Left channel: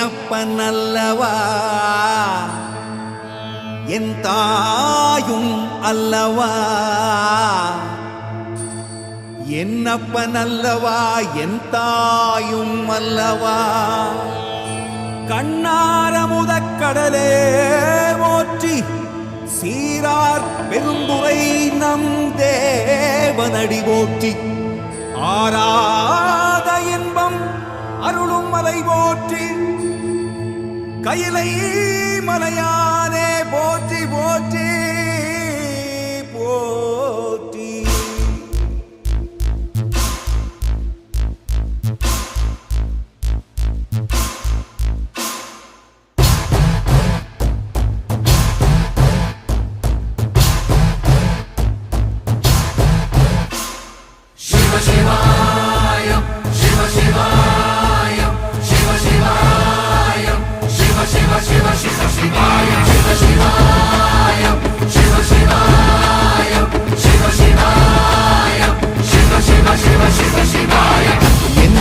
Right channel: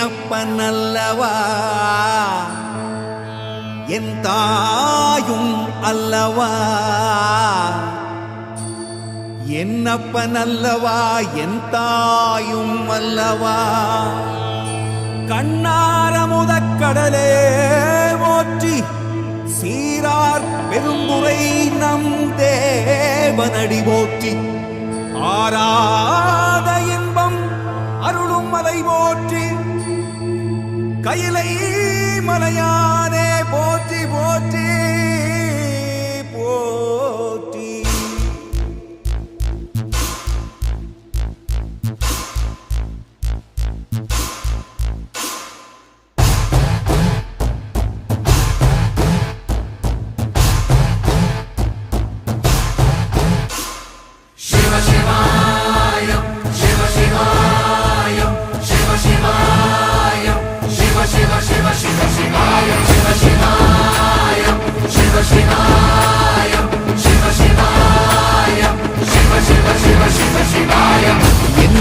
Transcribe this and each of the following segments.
என்னப்பனல்லவா என் தாயும் அல்லவா? என்னப்பனல்லவா என் தாயும் அல்லவா? கண்ணாரமுதக் கடலே போற்றி சீரார் பெரும்புரை நம் தேவனடி போற்றி. ஆராத இன்பம் அருளும் மலை போற்றி கையிலை மலையானே போற்றி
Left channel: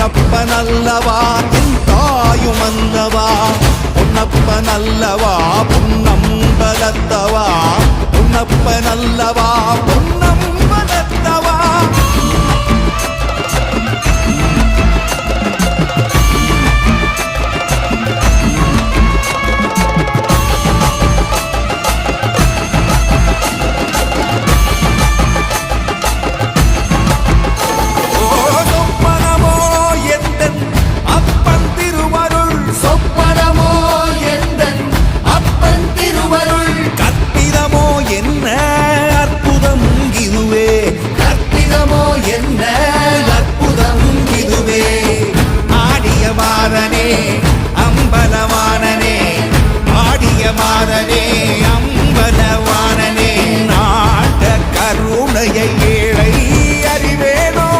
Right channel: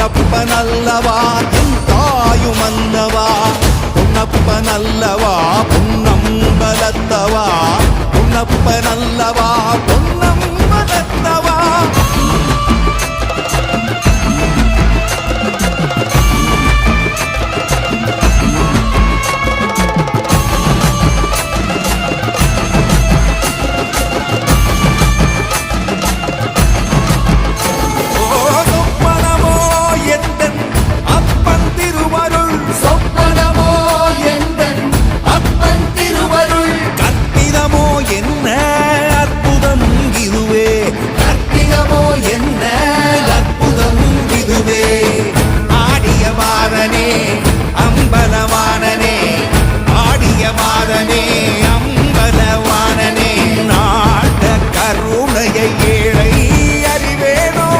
என்னப்பனல்லவா என் தாயும் அல்லவா பொன்னப்பனல்லவா பொன்னம்பலத்தவா? பொன்னப்பனல்லவா பொன்னம்பலத்தவா கற்பிதமோ என்ன? அற்புதம் இதுவே. ஆடிய மாதனே அம்பலவானனே. ஆடிய மாதனே அம்பலவானனே. நாட கருணையை ஏழை அறிவேனோ?